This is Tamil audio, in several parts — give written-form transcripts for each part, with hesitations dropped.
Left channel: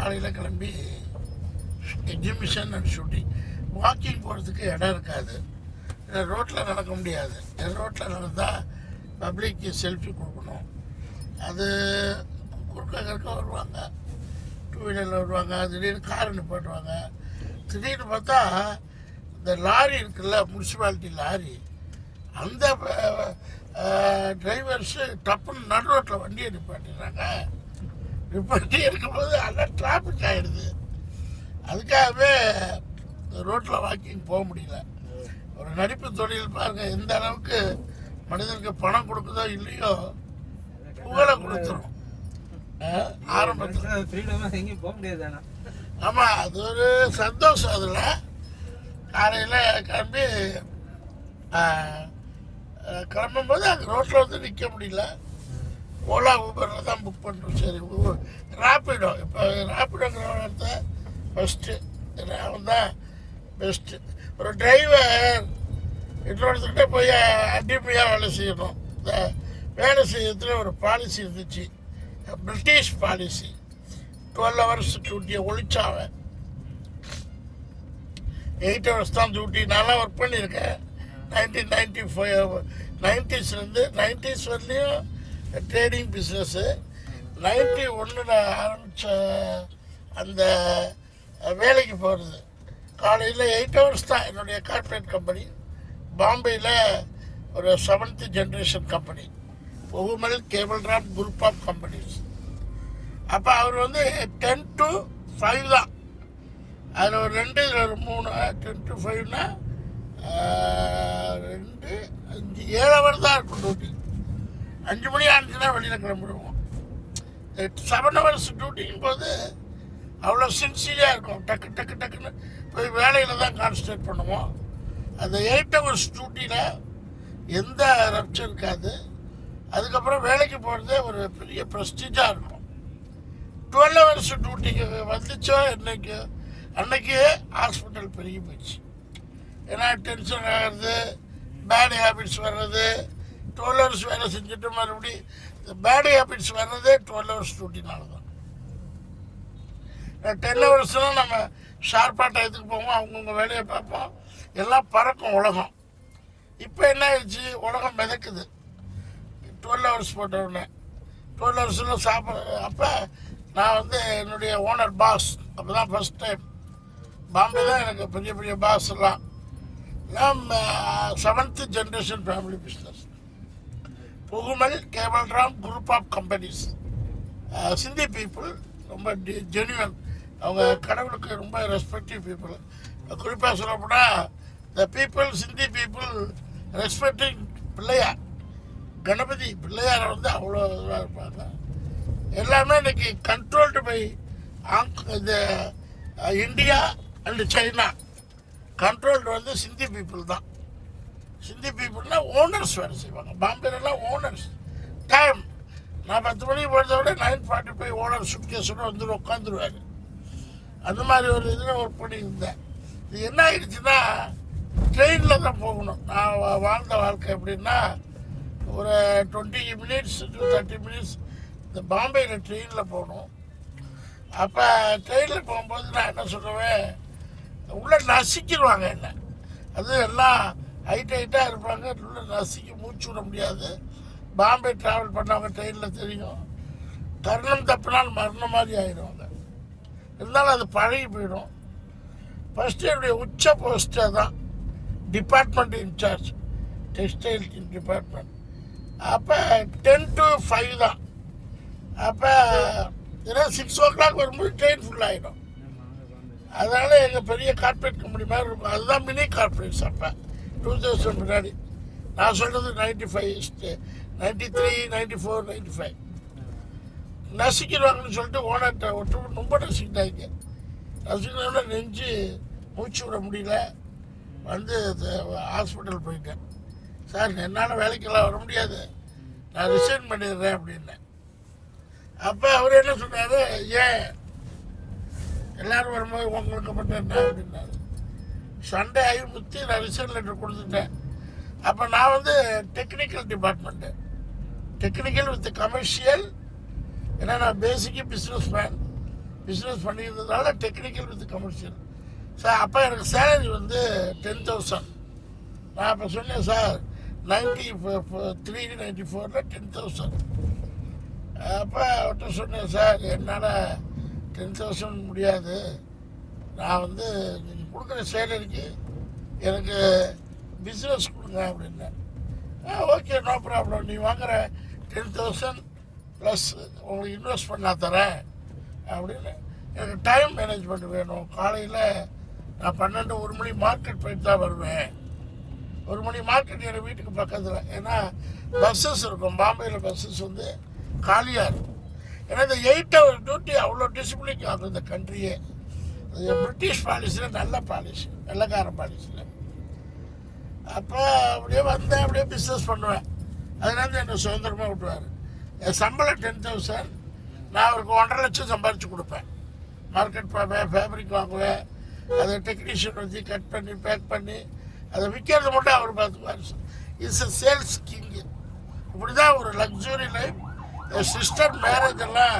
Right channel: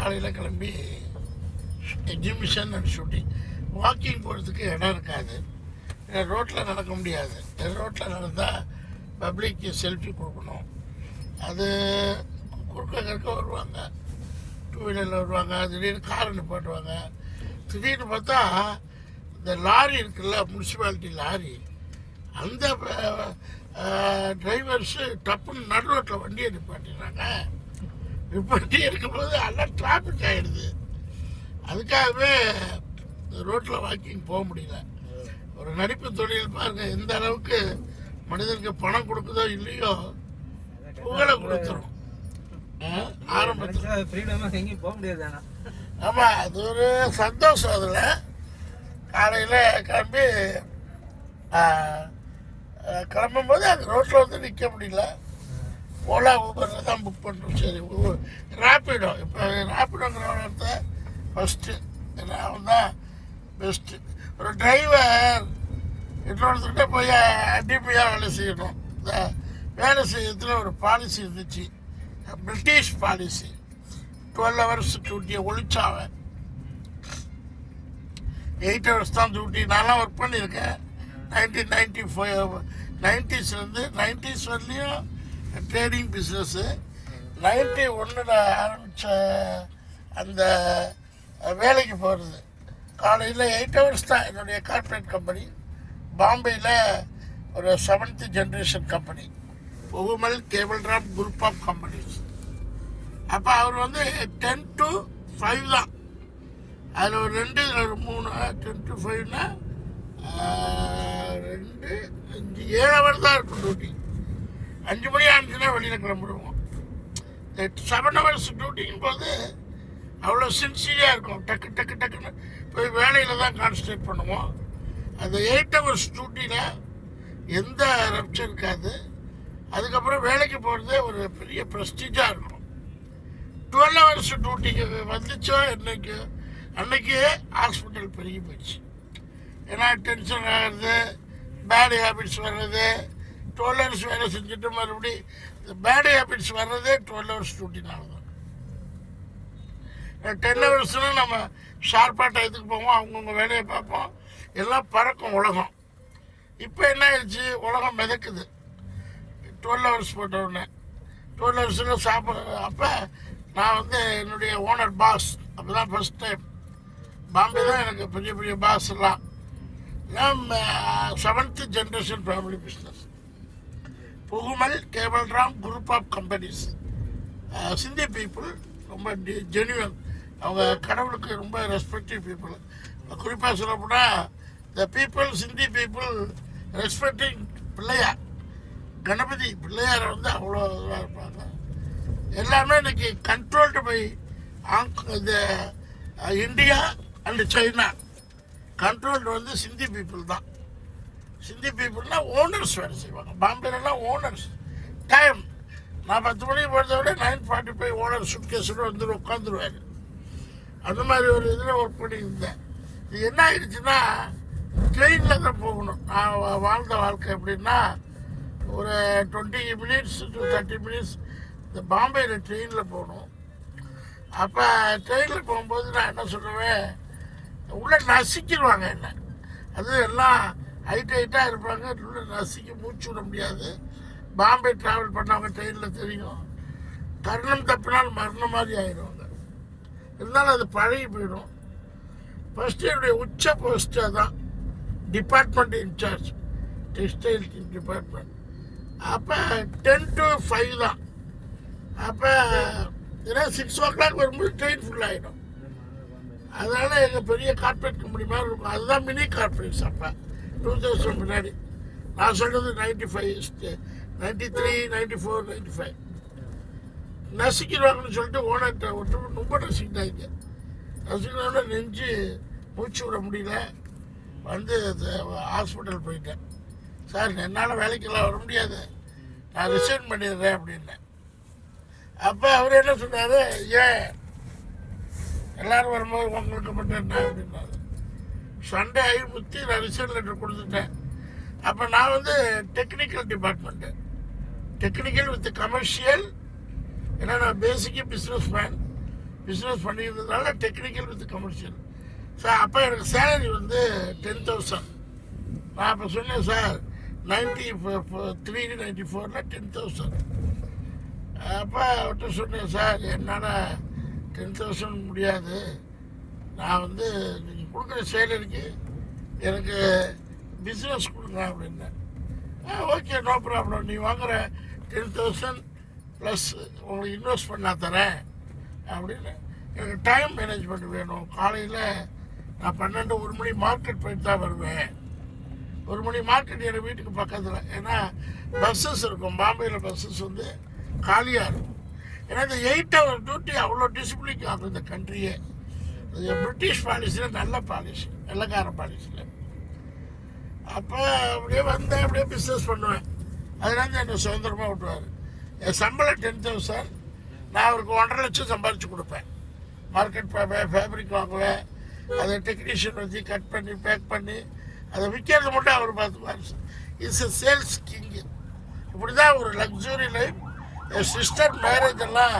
காலையில் கிளம்பி எக்ஸிபிஷன் அண்ட் ஷூட்டிங். வாக்கிங் போகிறதுக்கு இடம் இருக்காது, ரோட்டில் நடக்க முடியாது. ரோட்டில் நடந்தால் பப்ளிக்கு செல்ஃபி கொடுக்கணும். அது குறுக்க வருவாங்க, டூ வீலரில் வருவாங்க, திடீர்னு காரை நிப்பாட்டுவாங்க. திடீர்னு பார்த்தா இந்த லாரி இருக்குல்ல, முனிசிபாலிட்டி லாரி, அந்த டிரைவர்ஸு டப்புன்னு நடு ரோட்டில் வண்டியை நிப்பாட்டிடுறாங்க. நிப்பாட்டி இருக்கும்போது எல்லாம் டிராஃபிக் ஆகிடுது. அதுக்காகவே ரோட்டில் வாக்கிங் போக முடியல. ஒரு நடிப்பு தொழில் பாருங்கள், எந்த அளவுக்கு மனிதனுக்கு பணம் கொடுக்குதோ இல்லையோ புகழை கொடுத்துரும். ஆரம்பத்தில் ஃப்ரீடமாக எங்கேயும் போக முடியாது. ஆமாம், அது ஒரு சந்தோஷம். அதில் காலையில் கிளம்பும்போது அந்த ரோட்டில் வந்து நிற்க முடியல. ஓலா ஊபரில் தான் புக் பண்ணுறோம். சரி, ரேப்பிடோ, இப்போ ரேப்பிடோங்கிற இடத்த ஃபஸ்ட்டு அவன் தான் பெஸ்ட்டு. ஒரு டிரைவர் இன்னொருத்தர்கிட்ட போய் அடிமையாக வேலை செய்யணும். இந்த வேலை செய்யறதுல ஒரு பாலிசி இருந்துச்சு, பிரிட்டிஷ் பாலிசி. 12 hours டியூட்டியை ஒழிச்சாவன். 8 hours தான் டியூட்டி. நான்லாம் ஒர்க் பண்ணியிருக்கேன் 1995 90s வரலையும் ட்ரேடிங் பிஸ்னஸ்ஸு. 91 ஆரம்பித்த அந்த வேலைக்கு போகிறது காலையில் 8 hours தான். என்னுடைய கார்ப்பரேட் கம்பெனி பாம்பேயில் ஒரு 7th generation கம்பெனி, புகுமல் கேபிள் டிராப் குரூப் ஆஃப் கம்பெனிஸ். அப்போ அவர் வந்து 10 to 5 தான். அதில் ஒரு 2 இதில் ஒரு 3, 10 to 5னா 2, 5, 7 hours தான் இருக்கும் டியூட்டி. 5 மணி ஆனிச்சுன்னா வெளியில் கிளம்பிடுவோம். 7 hours டியூட்டிங்கும் போது அவ்வளோ சின்சியராக இருக்கும். டக்குன்னு போய் வேலையில் தான் கான்சன்ட்ரேட் பண்ணுவோம். அந்த 8 hours டியூட்டியில் எந்த ரப்சர் இருக்காது. அதுக்கப்புறம் வேலைக்கு போகிறதே ஒரு பெரிய ப்ரெஸ்டீஜாக இருக்கும். 12 hours டியூட்டிக்கு வந்துச்சோ அன்னைக்கு ஹாஸ்பிட்டல் பெருகி போயிடுச்சு. ஏன்னா டென்ஷன் ஆகிறது, பேட் ஹேபிட்ஸ் வர்றது. 12 hours வேலை செஞ்சுட்டு மறுபடியும் இந்த பேட் ஹேபிட்ஸ் வர்றதே 12 hours டியூட்டினால தான். 10 hours நம்ம ஷார்ப்பாக டயத்துக்கு போவோம், அவங்கவுங்க வேலையை பார்ப்போம், எல்லாம் பறக்கும் உலகம். இப்போ என்ன ஆயிடுச்சு, உலகம் மிதக்குது. 12 hours போட்ட உடனே 12 hours அப்போ நான் வந்து என்னுடைய ஓனர் பாஸ். அப்போ தான் ஃபஸ்ட் டைம் பாம்பே தான் எனக்கு பெரிய பெரிய பாஸ் எல்லாம். 7th generation ஃபேமிலி பிஸ்னஸ், புகுமல் கேபிள் டிராப் group of companies. Sindhi people ரொம்ப ஜென்யூன். அவங்க கடவுளுக்கு ரொம்ப ரெஸ்பெக்டிவ் பீப்புள். குறிப்பாக சொல்லப்போனால் the people, Sindhi people respecting Pillaiyar, Ganapathi பிள்ளையாரை வந்து அவ்வளோ இதாக இருப்பாங்க. எல்லாமே இன்னைக்கு கண்ட்ரோல்டு பை இந்த இந்தியா அண்டு சைனா. கண்ட்ரோல்டு வந்து சிந்தி பீப்புள் தான். சிந்தி பீப்புள்னால் ஓனர்ஸ் வேலை செய்வாங்க. பாம்பேலாம் ஓனர்ஸ் டைம். நான் 10 மணிக்கு போகிறத விட 9:45 ஓனர் சுட்கேஸோடு வந்து உட்காந்துருவாரு. அந்த மாதிரி ஒரு இதில் ஒர்க் பண்ணியிருந்தேன். இது என்ன ஆயிடுச்சுன்னா, ட்ரெயினில் தான் போகணும். நான் வாழ்ந்த வாழ்க்கை எப்படின்னா, ஒரு 20 minutes to 30 minutes இந்த பாம்பேயில் ட்ரெயினில் போகணும். அப்போ ட்ரெயினில் போகும்போது நான் என்ன சொல்லுவேன், உள்ளே நசிக்கிடுவாங்க என்ன. அது எல்லாம் ஹைட்டாக இருப்பாங்க, உள்ளே நசிக்கி மூச்சு விட முடியாது. பாம்பே ட்ராவல் பண்ணவங்க ட்ரெயினில் தெரியும். தருணம் தப்பினால் மரணம் மாதிரி ஆகிடுவாங்க. இருந்தாலும் அது பழகி போயிடும். ஃபஸ்ட்டு என்னுடைய உச்ச போஸ்ட்டே தான் டிபார்ட்மெண்ட் இன்சார்ஜ், டெக்ஸ்டைல் டிபார்ட்மெண்ட். அப்போ 10 to 5 தான். அப்போ ஏன்னா 6 o'clock வரும்போது ட்ரெயின் ஃபுல்லாகிடும். அதனால் எங்கள் பெரிய கார்ப்பரேட் கம்பெனி மாதிரி இருக்கும். அதுதான் மினி கார்ப்பரேட்ஸ். அப்போ 2000 முன்னாடி. நான் சொல்கிறது 95, 93, 94, 95 நசிக்கிடுவாங்கன்னு சொல்லிட்டு ஓனர்கிட்ட விட்டு ரொம்ப நசிக்கிட்டாங்க. நசிக்கினோட நெஞ்சு மூச்சு விட முடியல. வந்து ஹாஸ்பிட்டல் போயிட்டேன். சார், என்னால் வேலைக்கெல்லாம் வர முடியாது, நான் ரிசைன் பண்ணிடுறேன் அப்படின்னேன். அப்போ அவர் என்ன சொன்னார், ஏன் எல்லோரும் வரும்போது உங்களுக்கு மட்டும் என்ன அப்படின்னாரு. சண்டே ஆகி முற்றி நான் ரிசைன் லெட்டர் கொடுத்துட்டேன். அப்போ நான் வந்து technical department, technical with commercial. ஏன்னா நான் பேசிக்கு பிஸ்னஸ் மேன். பிஸ்னஸ் பண்ணியிருந்ததுனால டெக்னிக்கல் வித் கமர்ஷியல். சார் அப்போ எனக்கு சேலரி வந்து 10,000. நான் அப்போ சொன்னேன் சார் 94 10,000. அப்போ அவர்கிட்ட சொன்னேன் சார் என்னால் 10,000 முடியாது, நான் வந்து நீங்கள் கொடுக்குற சேலரிக்கு எனக்கு பிஸ்னஸ் கொடுங்க அப்படின்னேன். ஓகே நோ ப்ராப்ளம், நீ வாங்குற 10,000 ப்ளஸ் உங்களுக்கு இன்வெஸ்ட் பண்ணா தரேன் அப்படின்னு. எனக்கு டைம் மேனேஜ்மெண்ட் வேணும். காலையில் நான் 1 மணி மார்க்கெட் போயிட்டு தான் வருவேன். 1 மணி மார்க்கெட் எங்கள் வீட்டுக்கு பக்கத்தில். ஏன்னா பஸ்ஸஸ் இருக்கும், பாம்பேயில் பஸ்ஸஸ் வந்து காலியாக இருக்கும். ஏன்னா இந்த 8 hour டியூட்டி அவ்வளோ டிசிப்ளின் ஆகும் இந்த கண்ட்ரியே. அது பிரிட்டிஷ் பாலிசியில் நல்ல பாலிசி, வெள்ளைக்கார பாலிசியில். அப்போ அப்படியே வந்தேன், அப்படியே பிஸ்னஸ் பண்ணுவேன். அதனால என்னை சுதந்திரமாக விட்டுவார். என் சம்பளம் 10,000, நான் அவருக்கு 1.5 லட்சம் சம்பாரித்து கொடுப்பேன். மார்க்கெட் பார்ப்பேன், ஃபேப்ரிக் வாங்குவேன், அதை டெக்னீஷியன் வச்சு கட் பண்ணி பேக் பண்ணி அதை விற்கிறது மட்டும் அவர் பார்த்துக்குவார். It's a sales king. இப்படி தான் ஒரு லக்ஸுரி லைஃப். என் சிஸ்டர் மேரேஜ் எல்லாம்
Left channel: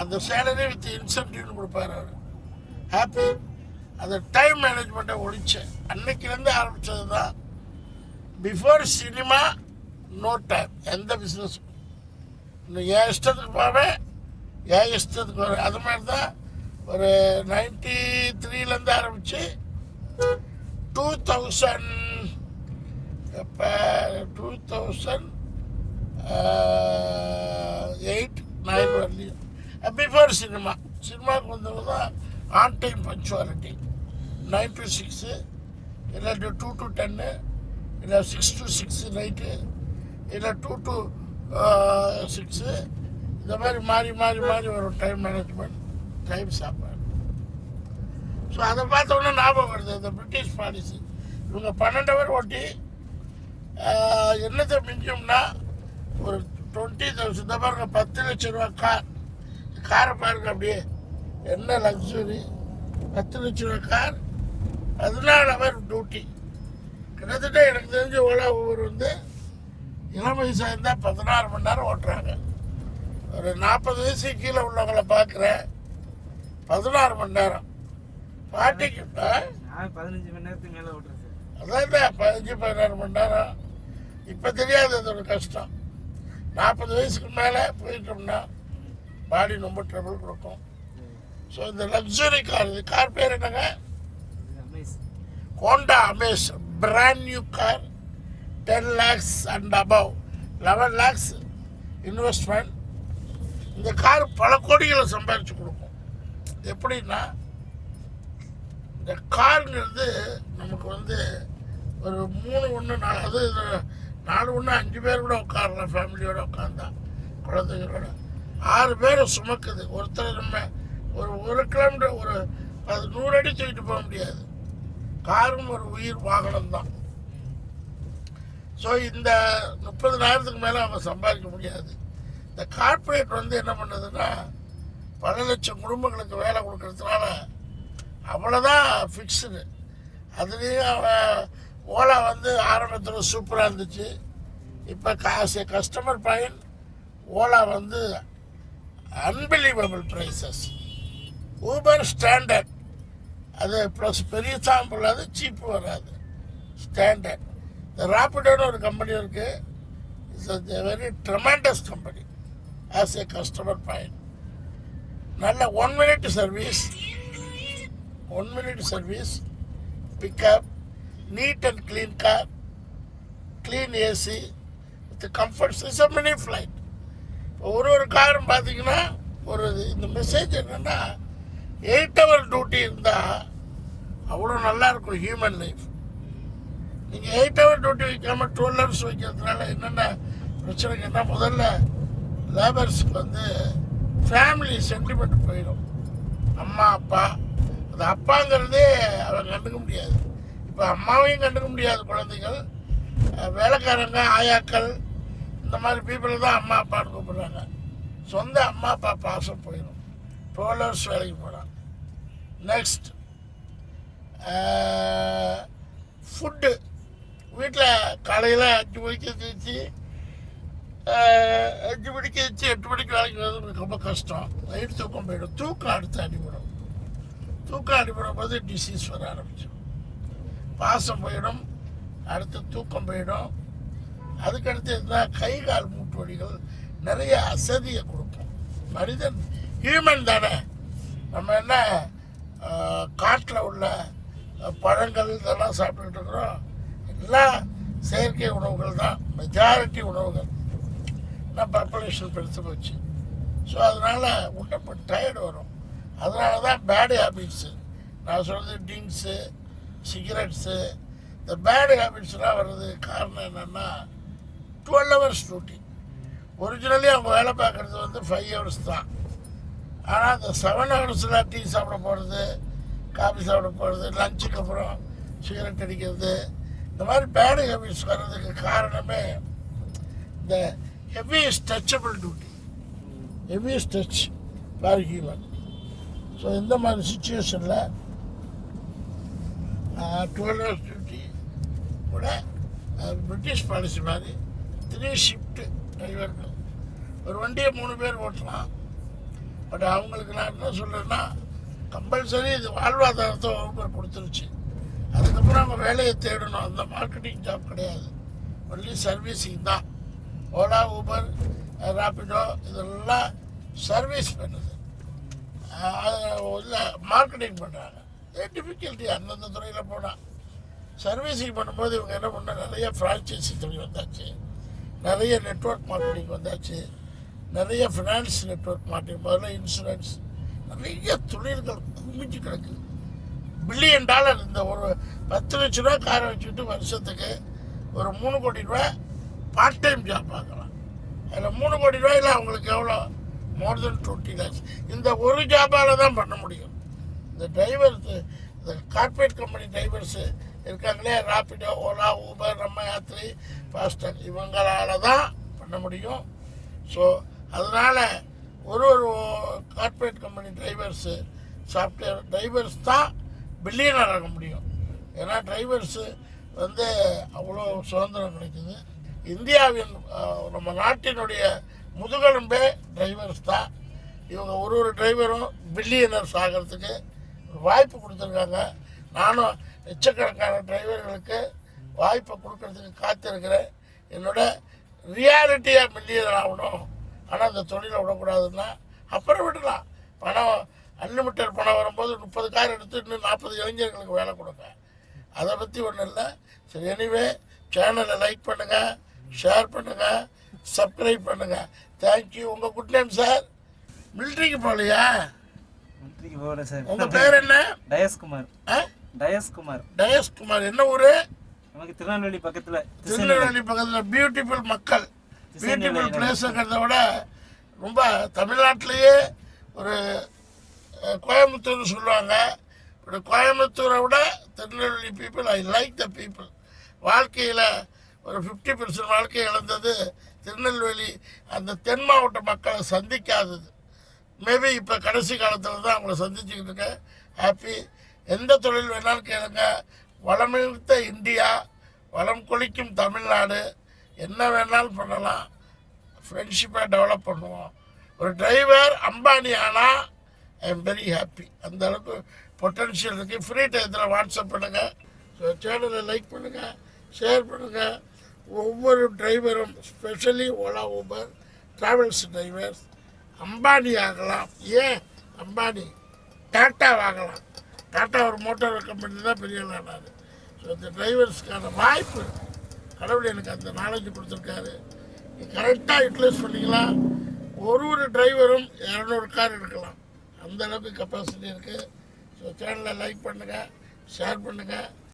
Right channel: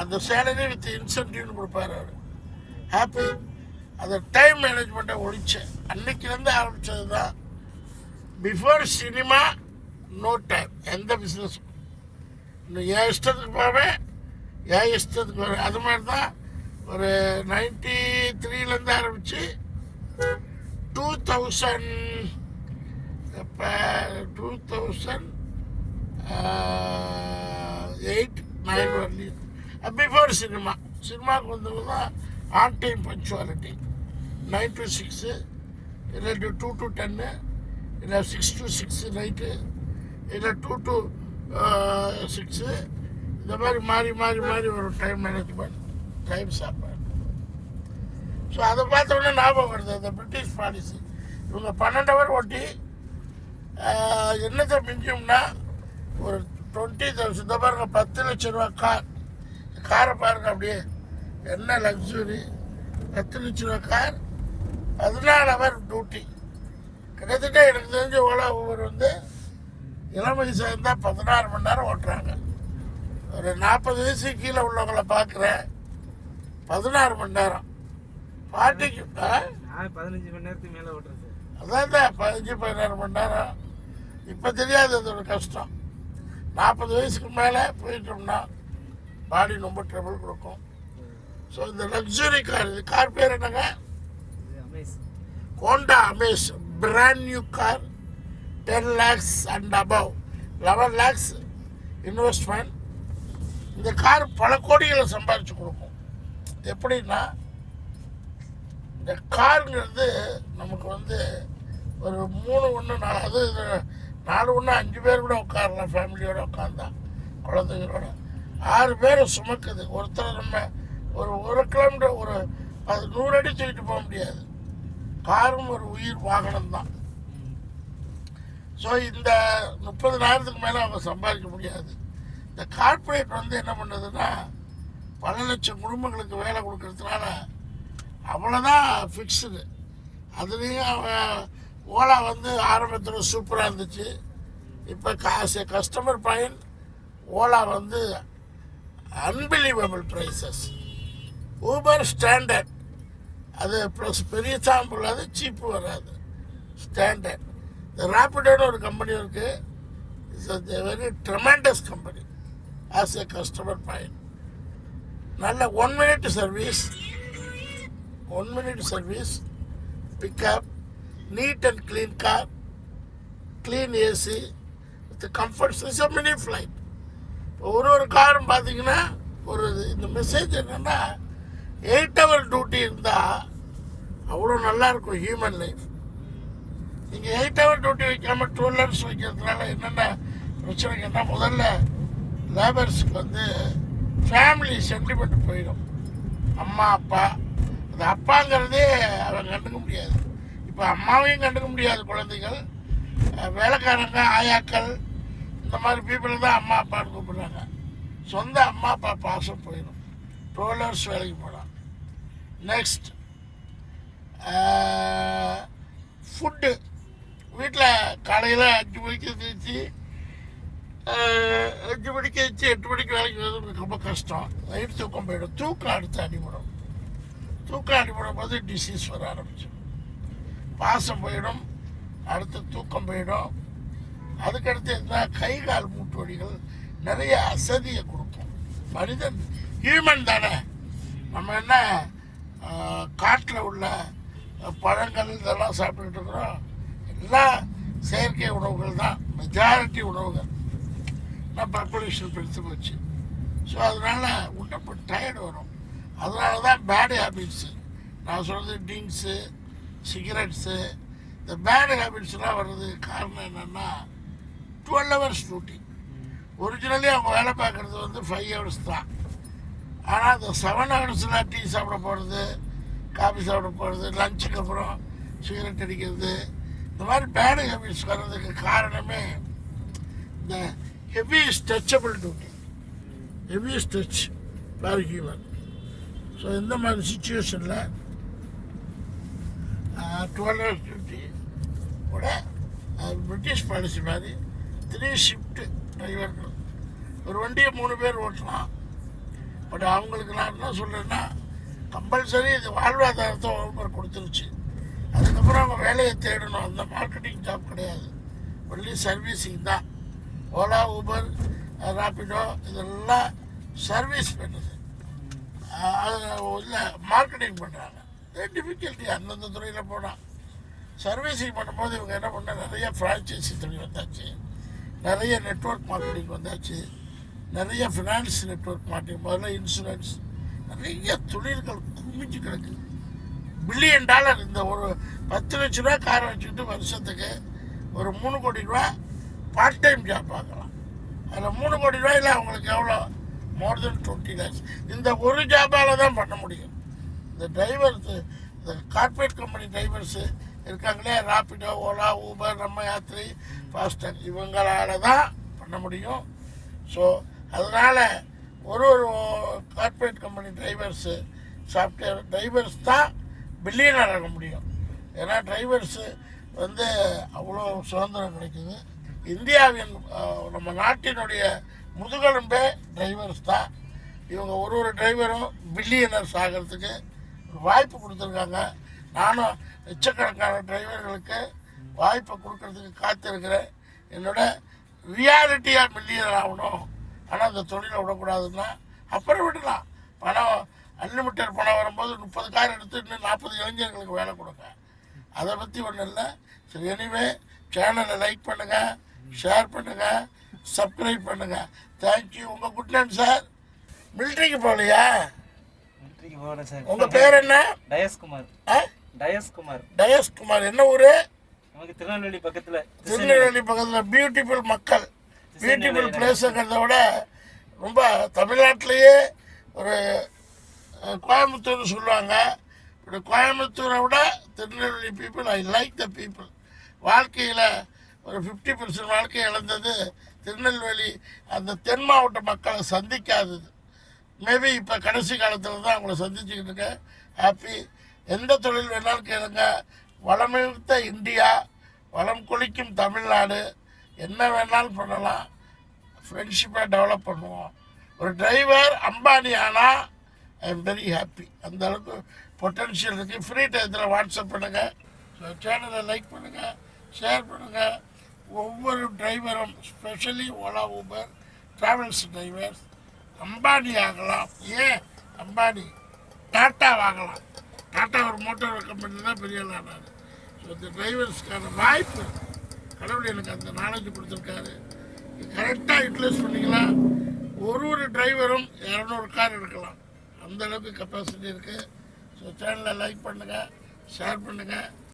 அந்த சேலரி வித் இன்சென்டிவ்னு கொடுப்பார் அவர். ஹாப்பி. அந்த டைம் மேனேஜ்மெண்ட்டை ஒழிச்சேன். அன்னைக்கிலேருந்து ஆரம்பித்தது தான். பிஃபோர் சினிமா நோ டைம் எந்த பிஸ்னஸுக்கும். இன்னும் என் இஷ்டத்துக்கு போவேன், என் இஷ்டத்துக்கு வருவேன். அது மாதிரி தான் ஒரு 93லேருந்து ஆரம்பித்து 2000 இப்போ 2008-9 வரலையும் பிஃபோர் சினிமாவுக்கு வந்தது தான் ஆன் டைம் பங்க்சுவாலிட்டி. 9 to 6 இல்லை 2 to 10 இல்லை 6 to 6 நைட்டு இல்லை 2 to 6 இந்த மாதிரி மாறி மாறி மாறி வரும் டைம் மேனேஜ்மெண்ட், டைம் சாப்பாடு. ஸோ அதை பார்த்தோன்னா ஞாபகம் வருது அந்த பிரிட்டிஷ் பாலிசி. இவங்க 12 hour ஓட்டி என்னத்தை மிஞ்சும்னா ஒரு 20,000. இந்த பாருங்க 10 லட்ச ரூபா காரை பாருங்க, அப்படியே என்ன லக்ஸுரி. 10 லட்ச ரூபா கார், 14 hour டியூட்டி. கிட்டத்தட்ட எனக்கு தெரிஞ்ச ஓலா ஊர் வந்து இளம் வயசாக இருந்தால் 16 மணி நேரம் ஓட்டுறாங்க. ஒரு 40 வயசுக்கு கீழே உள்ளவங்களை பார்க்குறேன் 16 மணி நேரம். பாட்டிக்கு 15 மணி நேரத்துக்கு மேலே ஓட்டுறேன் சார். அதான் 15-16 மணி நேரம். இப்போ தெரியாது அதோட கஷ்டம். 40 வயசுக்கு மேலே போயிட்டோம்னா பாடி ரொம்ப ட்ரபிள் கொடுக்கும். ஸோ இந்த லக்ஸுரி கார், இது கார் பேர் என்னங்க? Honda Amaze. Brand new car, 10 lakhs and above, 11 lakhs investment. இந்த கார் பல கோடிகளை சம்பாரித்து கொடுக்கும். எப்படின்னா இந்த காருங்கிறது நமக்கு வந்து ஒரு 3 1 4, அது 4 1 5 பேர் கூட உட்காரலாம். ஃபேமிலியோடு உட்காந்தா, குழந்தைங்களோட 6 பேரை சுமக்குது. ஒருத்தர் நம்ம ஒரு 1 கிலோமீட்டர் ஒரு 100 அடி தூக்கிட்டு போக முடியாது. காரும் ஒரு உயிர் வாகனம் தான். ஸோ இந்த 30,000க்கு மேலே அவங்க சம்பாதிக்க முடியாது. இந்த கார்ப்பரேட் வந்து என்ன பண்ணுதுன்னா பல லட்சம் குடும்பங்களுக்கு வேலை கொடுக்கறதுனால அவ்வளோதான் ஃபிக்ஸுடு. அதுலேயும் ஓலா வந்து ஆரம்பத்தில் சூப்பராக இருந்துச்சு. இப்போ கஸ்டமர் பாயிண்ட் ஓலா வந்து அன்பிலீவபிள் ப்ரைஸஸ். ஊபர் ஸ்டாண்டர்ட், அது ப்ளஸ் பெரிய சாம்பு இல்லாது, சீப்பு வராது, ஸ்டாண்டர்ட். இந்த ரேப்பிடோன்னு ஒரு கம்பெனி இருக்குது. It's a very tremendous company as a customer point. நல்ல 1 minute service, 1 minute service, pickup, neat and clean car, clean AC with comforts. It's a mini flight. ஒரு காரும் பார்த்தீங்கன்னா ஒரு இந்த மெசேஜ் என்னென்னா 8 hour டியூட்டி இருந்தால் அவ்வளோ நல்லாயிருக்கும் ஹியூமன் லைஃப். நீங்கள் 8 hour டியூட்டி வைக்காமல் 12 hours வைக்கிறதுனால என்னென்ன பிரச்சனைங்கன்னா, முதல்ல லேபர்ஸுக்கு வந்து ஃபேமிலி சென்டிமெண்ட் போயிடும். அம்மா அப்பா, அது அப்பாங்கிறதே அவன் கண்டுக்க முடியாது. இப்போ அம்மாவையும் கண்டுக்க முடியாது குழந்தைகள். வேலைக்காரங்க, ஆயாக்கள், இந்த மாதிரி பீப்புள் தான் அம்மா அப்பான்னு கூப்பிட்றாங்க. சொந்த அம்மா அப்பா பாசம் போயிடும். 12 hours வேலைக்கு போகலாம். Next food. வீட்டில் காலையில் 5 மணிக்கு தீச்சு 5 மணிக்கு வச்சு 8 மணிக்கு வேலைக்கு வரது ரொம்ப கஷ்டம். வயிறு தூக்கம் போயிடும். தூக்கம் அடுத்து அடிபடும். தூக்கம் அடிபடும் போது டிசீஸ் வர ஆரம்பிச்சிடும். பாசம் போயிடும், அடுத்து தூக்கம் போயிடும். அதுக்கடுத்து இருந்தால் கை கால் மூட்டு வலிகள் நிறைய அசதியை கொடுக்கும். மனிதன் ஹியூமன் தானே. நம்ம என்ன காட்டில் உள்ள பழங்கள் இதெல்லாம் சாப்பிட்டுக்கிட்டு இருக்கிறோம். எல்லாம் செயற்கை உணவுகள் தான், மெஜாரிட்டி உணவுகள். நான் பாப்புலேஷன் பெருத்து போச்சு. ஸோ அதனால் உடம்பு டயர்டு வரும். அதனால தான் பேடு ஹேபிட்ஸு நான் சொல்கிறது, ட்ரிங்க்ஸு, சிகரெட்ஸு, இந்த பேடு ஹேபிட்ஸ்லாம் வர்றது காரணம் என்னென்னா 12 hours டியூட்டி. ஒரிஜினலி அவங்க வேலை பார்க்குறது வந்து 5 hours தான். ஆனால் அந்த 7 hours டீ சாப்பிட போகிறது, காஃபி சாப்பிட போகிறது, லஞ்சுக்கு அப்புறம் சிகரெட் அடிக்கிறது, இந்த மாதிரி பேடு ஹேபிட்ஸ் வர்றதுக்கு காரணமே இந்த heaviest touchable duty, heaviest touch for human. So இந்த மாதிரி சுச்சுவேஷனில் 12 hours டியூட்டி கூட பிரிட்டிஷ் பாலிசி மாதிரி 3 ஷிஃப்ட் டிரைவர்கள். ஒரு வண்டியை 3 பேர் ஓட்டலாம். பட் அவங்களுக்கு நான் என்ன சொல்கிறேன்னா, கம்பல்சரி இது வாழ்வாதாரத்தை கவர்மெண்ட் கொடுத்துருச்சு. அதுக்கப்புறம் அவங்க வேலையை தேடணும். அந்த மார்க்கெட்டிங் ஜாப் கிடையாது, ஒன்லி சர்வீஸிங் தான். ஓலா, ஊபர், ராபிடோ இதெல்லாம் சர்வீஸ் பண்ணுது. இல்லை மார்க்கெட்டிங் பண்ணுறாங்க. டிஃபிகல்ட்டி அந்தந்த துறையில் போனால். சர்வீஸிங் பண்ணும்போது இவங்க என்ன பண்ணால் நிறைய ஃப்ரான்ச்சைசி தொழில் வந்தாச்சு, நிறைய நெட்வொர்க் மார்க்கெட்டிங் வந்தாச்சு, நிறைய ஃபினான்ஸ் நெட்வொர்க் மார்க்கெட்டிங், முதல்ல இன்சூரன்ஸ், நிறைய தொழில்கள் குமிஞ்சு கிடக்குது. $1 பில்லியன் இந்த ஒரு 10 லட்ச ரூபா காரை வச்சுக்கிட்டு வருஷத்துக்கு ஒரு 3 கோடி ரூபா பார்ட் டைம் ஜாப் பார்க்கலாம். அதில் 3 கோடி ரூபாயில் அவங்களுக்கு எவ்வளோ? மோர் தென் 20 lakhs. இந்த ஒரு ஜாபால் தான் பண்ண முடியும். இந்த டிரைவர்ஸு, இந்த கார்பரேட் கம்பெனி டிரைவர்ஸு இருக்காங்களே, ராபிடோ, ஓலா, ஊபர், நம்ம யாத்திரை, ஃபாஸ்டாக், இவங்களால தான் பண்ண முடியும். ஸோ அதனால் ஒரு corporate company drivers, software drivers தான் பில்லியனர் ஆக முடியும். ஏன்னா டிரைவர்ஸு வந்து அவ்வளோ சுதந்திரம் கிடைக்குது. இந்தியாவின் நம்ம நாட்டினுடைய முதுகெலும்பே டிரைவர்ஸ் தான். இவங்க ஒரு டிரைவரும் பில்லியனர்ஸ் ஆகிறதுக்கு வாய்ப்பு கொடுத்துருக்காங்க. நானும் லட்சக்கணக்கான டிரைவர்களுக்கு வாய்ப்பை கொடுக்கறதுக்கு காத்திருக்கிறேன். என்னோட ரியாலிட்டியாக மில்லியனர் ஆகணும். ஆனால் அந்த தொழிலை விடக்கூடாதுன்னா அப்புறம் விடலாம். பணம் அன்லிமிட்டட் பணம் வரும்போது 30 கார் எடுத்து இன்னும் 40 இளைஞர்களுக்கு வேலை கொடுங்க. அதை பற்றி ஒன்றும் இல்லை. சரி, எனிவே சேனலை லைக் பண்ணுங்கள், ஷேர் பண்ணுங்கள், சப்ஸ்கிரைப் பண்ணுங்கள். தேங்க்யூ. உங்கள் குட் நேம் சார்? மிலிட்ரிக்கு போகலையா? மிலிட்ரிக்கு போகல சார். உங்கள் பேர் என்ன? டயஸ்குமார். டயஸ்குமார். டயஸ்குமார். என்ன ஊர்? நமக்கு திருநெல்வேலி பக்கத்தில். திருநெல்வேலி பக்கத்தில். பியூட்டிஃபுல் மக்கள், பியூட்டிஃபுல் பிளேஸுங்கிறத விட ரொம்ப தமிழ்நாட்டிலேயே ஒரு கோயம்புத்தூர்னு சொல்லுவாங்க. கோயம்புத்தூரை விட Tirunelveli people, I like the people. வாழ்க்கையில் ஒரு 50% வாழ்க்கையை இழந்தது திருநெல்வேலி அந்த தென் மாவட்ட மக்களை சந்திக்காதது. மேபி இப்போ கடைசி காலத்தில் தான் அவங்கள சந்திச்சுக்கிட்டு இருக்கேன். ஹாப்பி. எந்த தொழில் வேணாலும் கேளுங்க. வளமிழ்த்த இந்தியா, வளம் கொளிக்கும் தமிழ்நாடு, என்ன வேணாலும் பண்ணலாம். ஃப்ரெண்ட்ஷிப்பை டெவலப் பண்ணுவோம். ஒரு டிரைவர் அம்பானி ஆனால் ஐ எம் வெரி ஹாப்பி. அந்த அளவுக்கு பொட்டன்ஷியல் இருக்குது. ஃப்ரீ டயத்தில் வாட்ஸ்அப் பண்ணுங்கள். ஸோ சேனலை லைக் பண்ணுங்கள், ஷேர் பண்ணுங்கள். ஒவ்வொரு டிரைவரும், specially Ola, Uber, travels drivers Ambani ஆகலாம். ஏன் அம்பானி? டாட்டா வாங்கலாம். டாட்டா ஒரு மோட்டார் கம்பெனி தான் பெரிய ஆனார். ஸோ இந்த டிரைவர்ஸ்க்கான வாய்ப்பு கடவுள் எனக்கு அந்த நாலேஜ் கொடுத்துருக்காரு. கரெக்டாக யூட்டிலைஸ் பண்ணிக்கலாம். ஒரு டிரைவரும் 200 கார் எடுக்கலாம். அந்த அளவுக்கு கெப்பாசிட்டி இருக்குது. ஸோ சேனலை லைக் பண்ணுங்கள், ஷேர் பண்ணுங்கள்.